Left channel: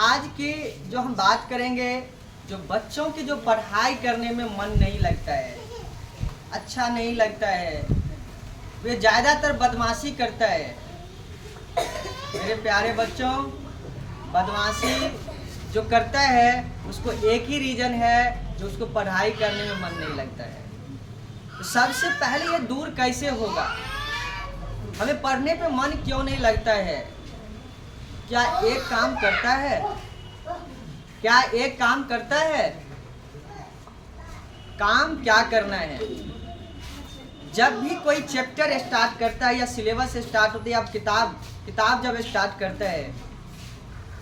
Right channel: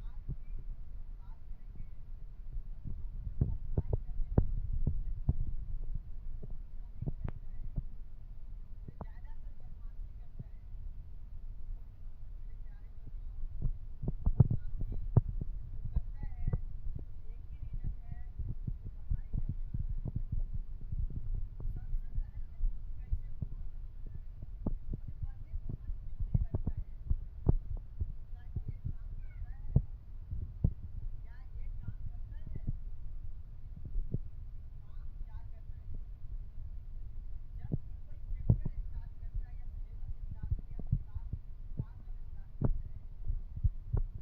आज की जो हम बात करेंगे, जो बच्चों की जो पढ़ाई करने में मन नहीं लगता है, अच्छा नहीं लगता है, वे ज़्यादातर बदमाशी करता है। मेरे प्यारे बच्चों, बदमाशी जो करता है उसको एक ही रीज़न है जो उसको पढ़ाई करने में मन नहीं लगता है। तो सबसे पहले ये दूर कैसे होगा? हमें पढ़ने पे मन क्यों नहीं लगता है? क्या एक काम करता है? क्या एक काम करता है? काम क्या करना है? जब भी कोई चैप्टर स्टार्ट करता है या सिलेबस स्टार्ट होती है, आप किताब जब स्टार्ट करता है,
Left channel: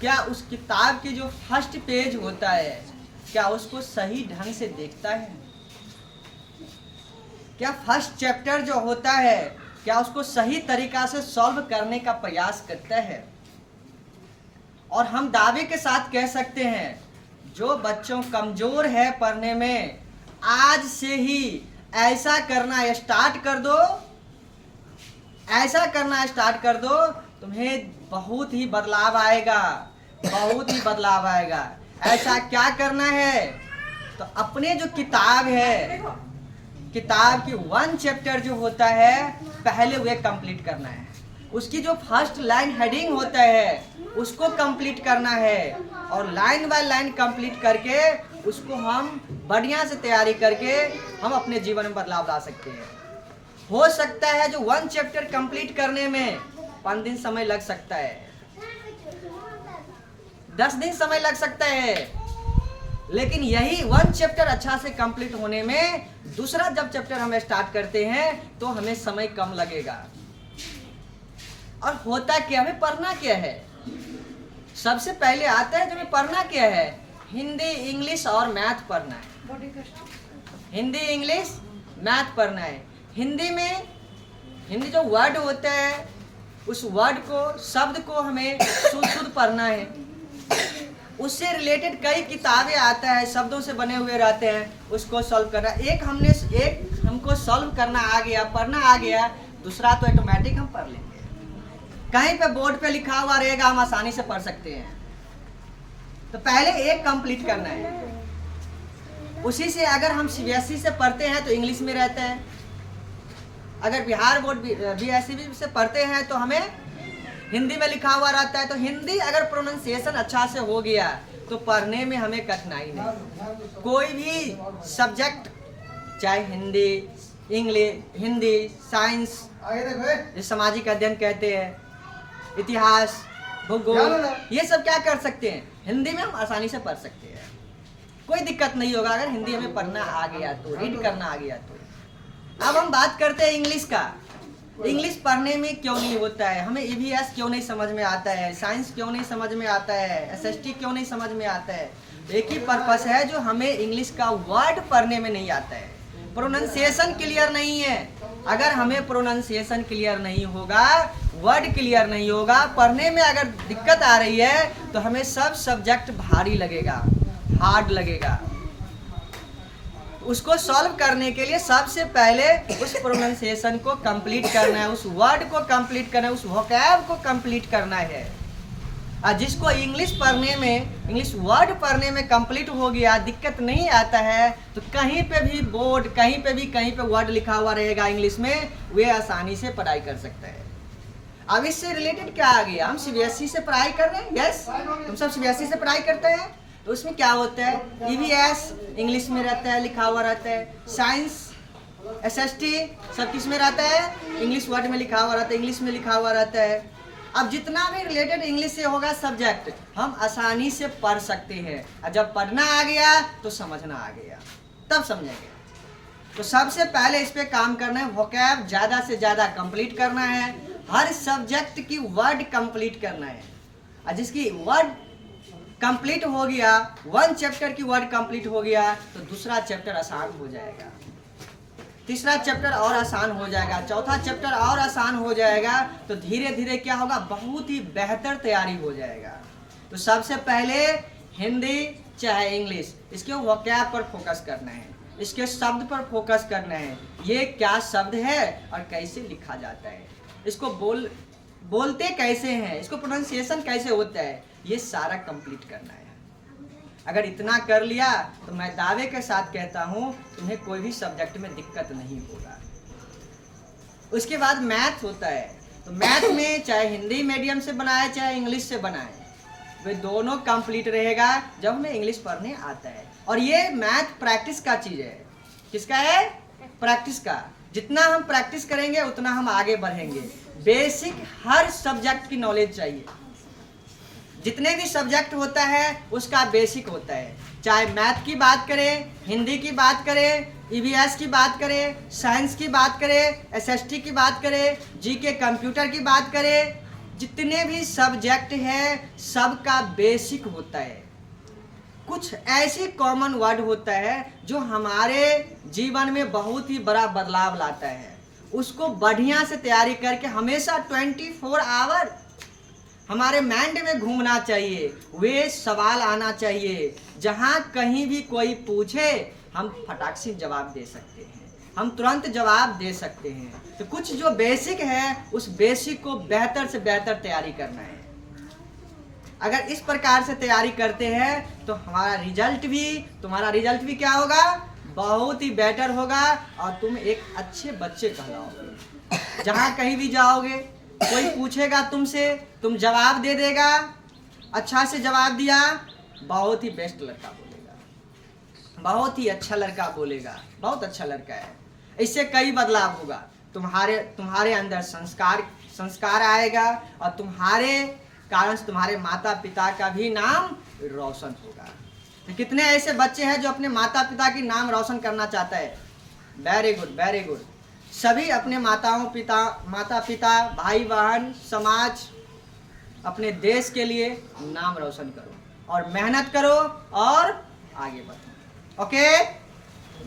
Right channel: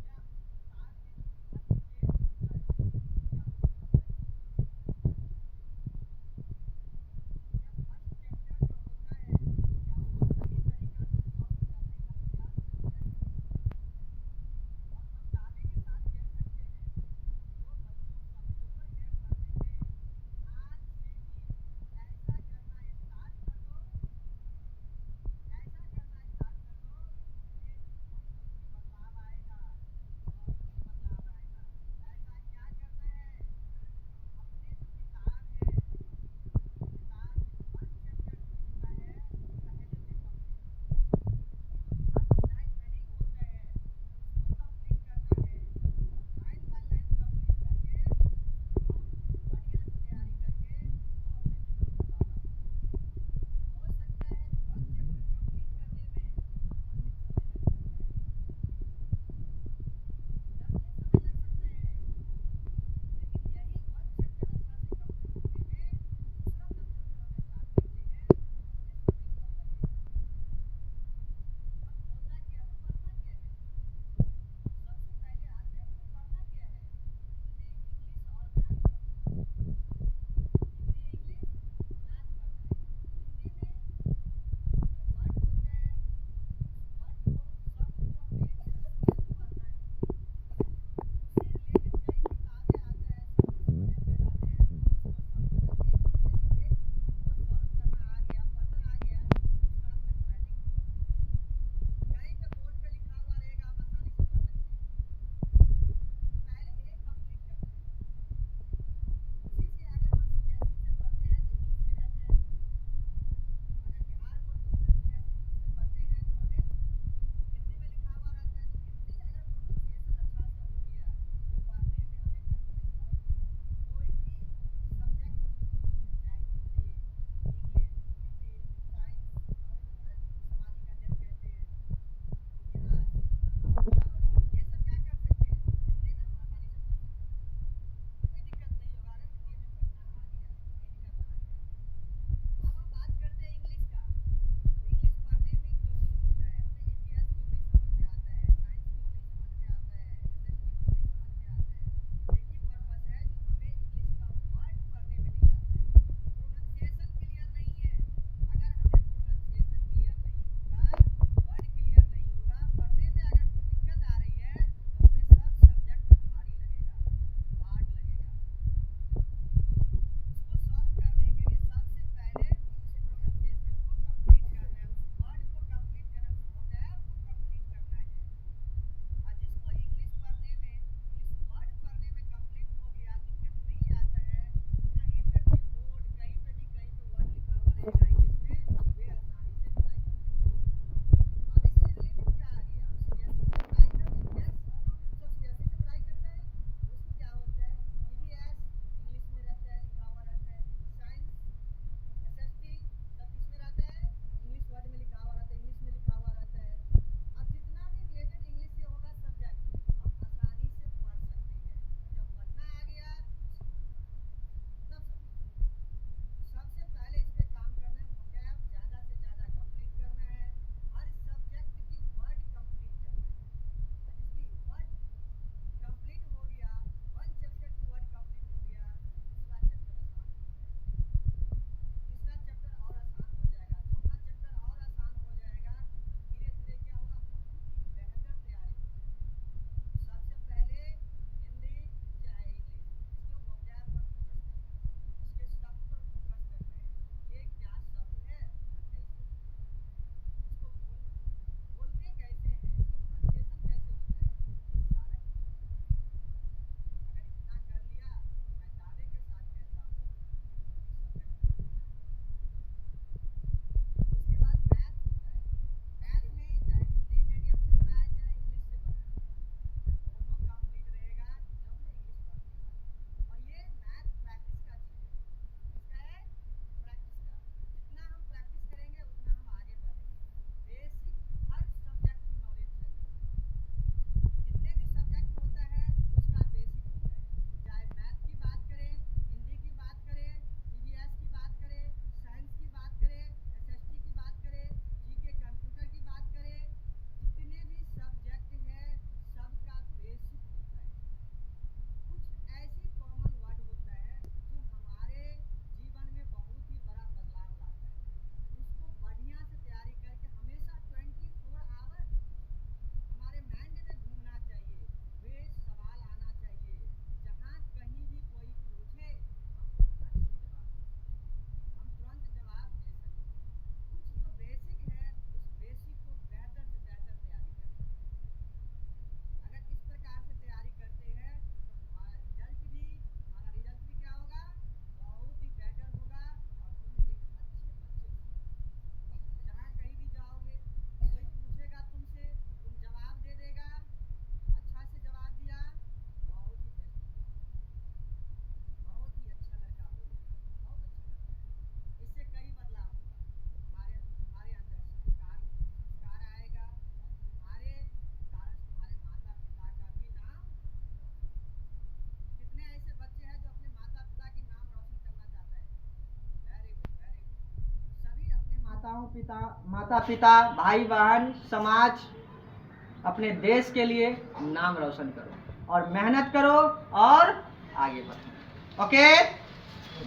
क्या उस किताब की जो फर्स्ट पेज होता है, क्या उसको सही ढंग से देखता है? क्या फर्स्ट चैप्टर जो होता है, क्या उसको सही तरीका से सॉल्व करने का प्रयास करता है? और हम दावे के साथ कह सकते हैं, जो बच्चों कमजोर है पढ़ने में, आज से ही ऐसा करना स्टार्ट कर दो, ऐसा करना स्टार्ट कर दो, तुम्हें बहुत ही बदलाव आएगा, बहुत ही बदलाव आएगा। ऐसा क्या करना है? तो अपने जो किताब है, किताब की 1 चैप्टर जो होता है, पहले वे कंप्लीट करना है। उसकी जो फर्स्ट लाइन हेडिंग होता है उसको कंप्लीट करना है, और लाइन बाय लाइन कंप्लीट करके उसको हम बढ़िया से तैयारी करके हम अपने जीवन में बदलाव ला सकते हैं। हो सकता है जो 1 चैप्टर कंप्लीट करने में 5 दिन समय लग सकता है, 10 दिन समय लग सकता है, लेकिन यही 1 चैप्टर अच्छा से कंप्लीट होने में दूसरा जब चैप्टर हम स्टार्ट करते हैं तो हमें समय कम लगेगा। और होता क्या, हमें पढ़ना क्या है? सबसे पहले आता है जो हमें पढ़ना क्या है, हिंदी, इंग्लिश और मैथ पढ़ना है। हिंदी, इंग्लिश, मैथ पढ़ना है। हिंदी में हिंदी जो वर्ड होता है, उस वर्ड को, शब्द को हमें शुद्ध पढ़ना है। उससे रिलेटेड कई किताबें आता है, शब्दों से बने हुए रहते हैं, उसको सॉल्व करना। एक हमको सॉल्व करना आ गया, पढ़ना आ गया, दूसरा तो ऑटोमेटिक हम पढ़ लेंगे। कहीं पे बोर्ड पे लिखा हुआ रहेगा, हम आसानी से पढ़ सकते हैं। तो पहले एक कंप्लीट करना है। उसी से अगर हम सीबीएसई से पढ़ते हैं तो इंग्लिश में रहता है, अगर बिहार बोर्ड बीएसई से पढ़ते हैं तो हमें हिंदी में लिखा हुआ रहता है। तो हिंदी अगर प्रोनाउंसिएशन अच्छा से हो गया तो पढ़ने में हमें कठिनाई नहीं। कोई भी सब्जेक्ट, चाहे हिंदी, इंग्लिश, हिंदी, साइंस, सामाजिक अध्ययन कहते हैं, इतिहास, भूगोल, ये सब क्या कर सकते हैं, हिंदी में हम आसानी से पढ़ सकते हैं। कोई दिक्कत नहीं होगा अगर हिंदी हमें पढ़ना आ गया तो, रीड करना आ गया तो। अब हम बात करते हैं इंग्लिश का। इंग्लिश पढ़ने में क्यों नहीं होता है? हमें ईवीएस क्यों नहीं समझ में आता है? साइंस क्यों नहीं समझ में आता है? एसएसटी क्यों नहीं समझ में आता है? एक ही पर्पस है, जो हमें इंग्लिश का वर्ड पढ़ने में नहीं आता है, प्रोनाउंसिएशन क्लियर नहीं है। अगर हमें प्रोनाउंसिएशन क्लियर नहीं होगा, वर्ड क्लियर नहीं होगा, पढ़ने में अगर दिक्कत आ रही है तो हमें सब सब्जेक्ट भारी लगेगा, हार्ड लगेगा। उसको सॉल्व करने के लिए सबसे पहले उस प्रोनाउंसिएशन को कंप्लीट करना है, उस वर्ड को कंप्लीट करना है, उस वोकैब को कंप्लीट करना है। और जिसको इंग्लिश पढ़ने में, इंग्लिश वर्ड पढ़ने में कंप्लीट हो गया, दिक्कत नहीं आता है, तो कहीं पे भी बोर्ड, कहीं पे वर्ड लिखा हुआ रहेगा इंग्लिश में, वे आसानी से पढ़ाई कर सकता है। अब इससे रिलेटेड क्या आ गया, हम सीबीएसई से पढ़ाई कर रहे हैं, यस, तुम सब सीबीएसई से पढ़ाई करते हैं। तो उसमें क्या होता है, ईवीएस इंग्लिश में रहता है, लिखा हुआ रहता है, साइंस, एसएसटी सब किस में रहता है, इंग्लिश वर्ड में लिखा हुआ रहता है, इंग्लिश में लिखा हुआ रहता है। अब जितना भी रिलेटेड इंग्लिश से होगा सब्जेक्ट, हम आसानी से पढ़ सकते हैं। और जब पढ़ना आ गया तो समझना आ गया, तब समझेंगे। तो सबसे पहले इस पे काम करना है, वोकैब ज़्यादा से ज़्यादा कंप्लीट करना है, हर सब्जेक्ट की वर्ड कंप्लीट करना है। और जिसकी वर्ड कंप्लीट हो गया, 1 चैप्टर की वर्ड कंप्लीट हो गया, तो दूसरा चैप्टर आसान हो जाएगा, तीसरा चैप्टर और आसान हो जाएगा, चौथा चैप्टर और आसान हो जाएगा। तो धीरे धीरे क्या होगा, बहुत ही बेहतर तैयारी हो जाएगा। तो सबसे पहले हिंदी चाहे इंग्लिश, इसके वोकैब पर फोकस करना है, इसके शब्द पर फोकस करना है। ये क्या शब्द है और कैसे लिखा जाता है, इसको बोलते कैसे हैं, इसको प्रोनाउंसिएशन कैसे होता है, ये सारा कंप्लीट करना है। अगर इतना कर लिया तो मैं दावे के साथ कहता हूं तुम्हें कोई भी सब्जेक्ट में दिक्कत नहीं होगा। उसके बाद मैथ होता है, तो मैथ में चाहे हिंदी मीडियम से बनाए चाहे इंग्लिश से बनाए, वे दोनों कंप्लीट रहेगा जब हमें इंग्लिश पढ़ने आता है। और ये मैथ प्रैक्टिस का चीज है। किसका है? प्रैक्टिस का। जितना हम प्रैक्टिस करेंगे उतना हम आगे बढ़ेंगे। बेसिक हर सब्जेक्ट की नॉलेज चाहिए। जितने भी सब्जेक्ट होता है उसका बेसिक होता है। चाहे मैथ की बात करें, हिंदी की बात करें, ईवीएस की बात करें, साइंस की बात करें, एसएसटी की बात करें, जीके कंप्यूटर की बात करें, जितने भी सब्जेक्ट हैं सबका बेसिक होता है। कुछ ऐसी कॉमन वर्ड होता है जो हमारे जीवन में बहुत ही बड़ा बदलाव लाता है। उसको बढ़िया से तैयारी करके हमेशा 24 आवर हमारे माइंड में घूमना चाहिए। वे सवाल आना चाहिए जहाँ कहीं भी कोई पूछे हम फटाक से जवाब दे सकते हैं, हम तुरंत जवाब दे सकते हैं। तो कुछ जो बेसिक है उस बेसिक को बेहतर से बेहतर तैयारी करना है। अगर इस प्रकार से तैयारी करते हैं तो तुम्हारा रिजल्ट भी क्या होगा? बहुत ही बेटर होगा और तुम एक अच्छे बच्चे कहलाओगे। जहाँ कहीं भी जाओगे कोई पूछेगा तुमसे, तुम जवाब दे देगा, अच्छा से जवाब दिया, बहुत ही बेस्ट लड़का बोलेगा, बहुत ही अच्छा लड़का बोलेगा, बहुत अच्छा लड़का है। इससे कई बदलाव होगा। तुम्हारे अंदर संस्कार आएगा और तुम्हारे कारण से तुम्हारे माता पिता का भी नाम रोशन होगा। तो कितने ऐसे बच्चे हैं जो अपने माता पिता की नाम रोशन करना चाहता है? Very good, very good. सभी अपने माता पिता, भाई बहन, समाज, अपने देश के लिए नाम रोशन करो और मेहनत करो और आगे बढ़ो। ओके,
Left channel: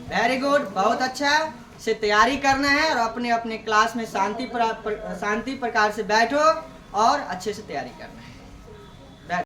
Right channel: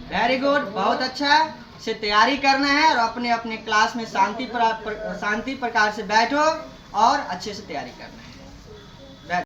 वेरी गुड, बहुत अच्छा से तैयारी करना है और अपने अपने क्लास में शांति प्रकार से बैठो और अच्छे से तैयारी करना है।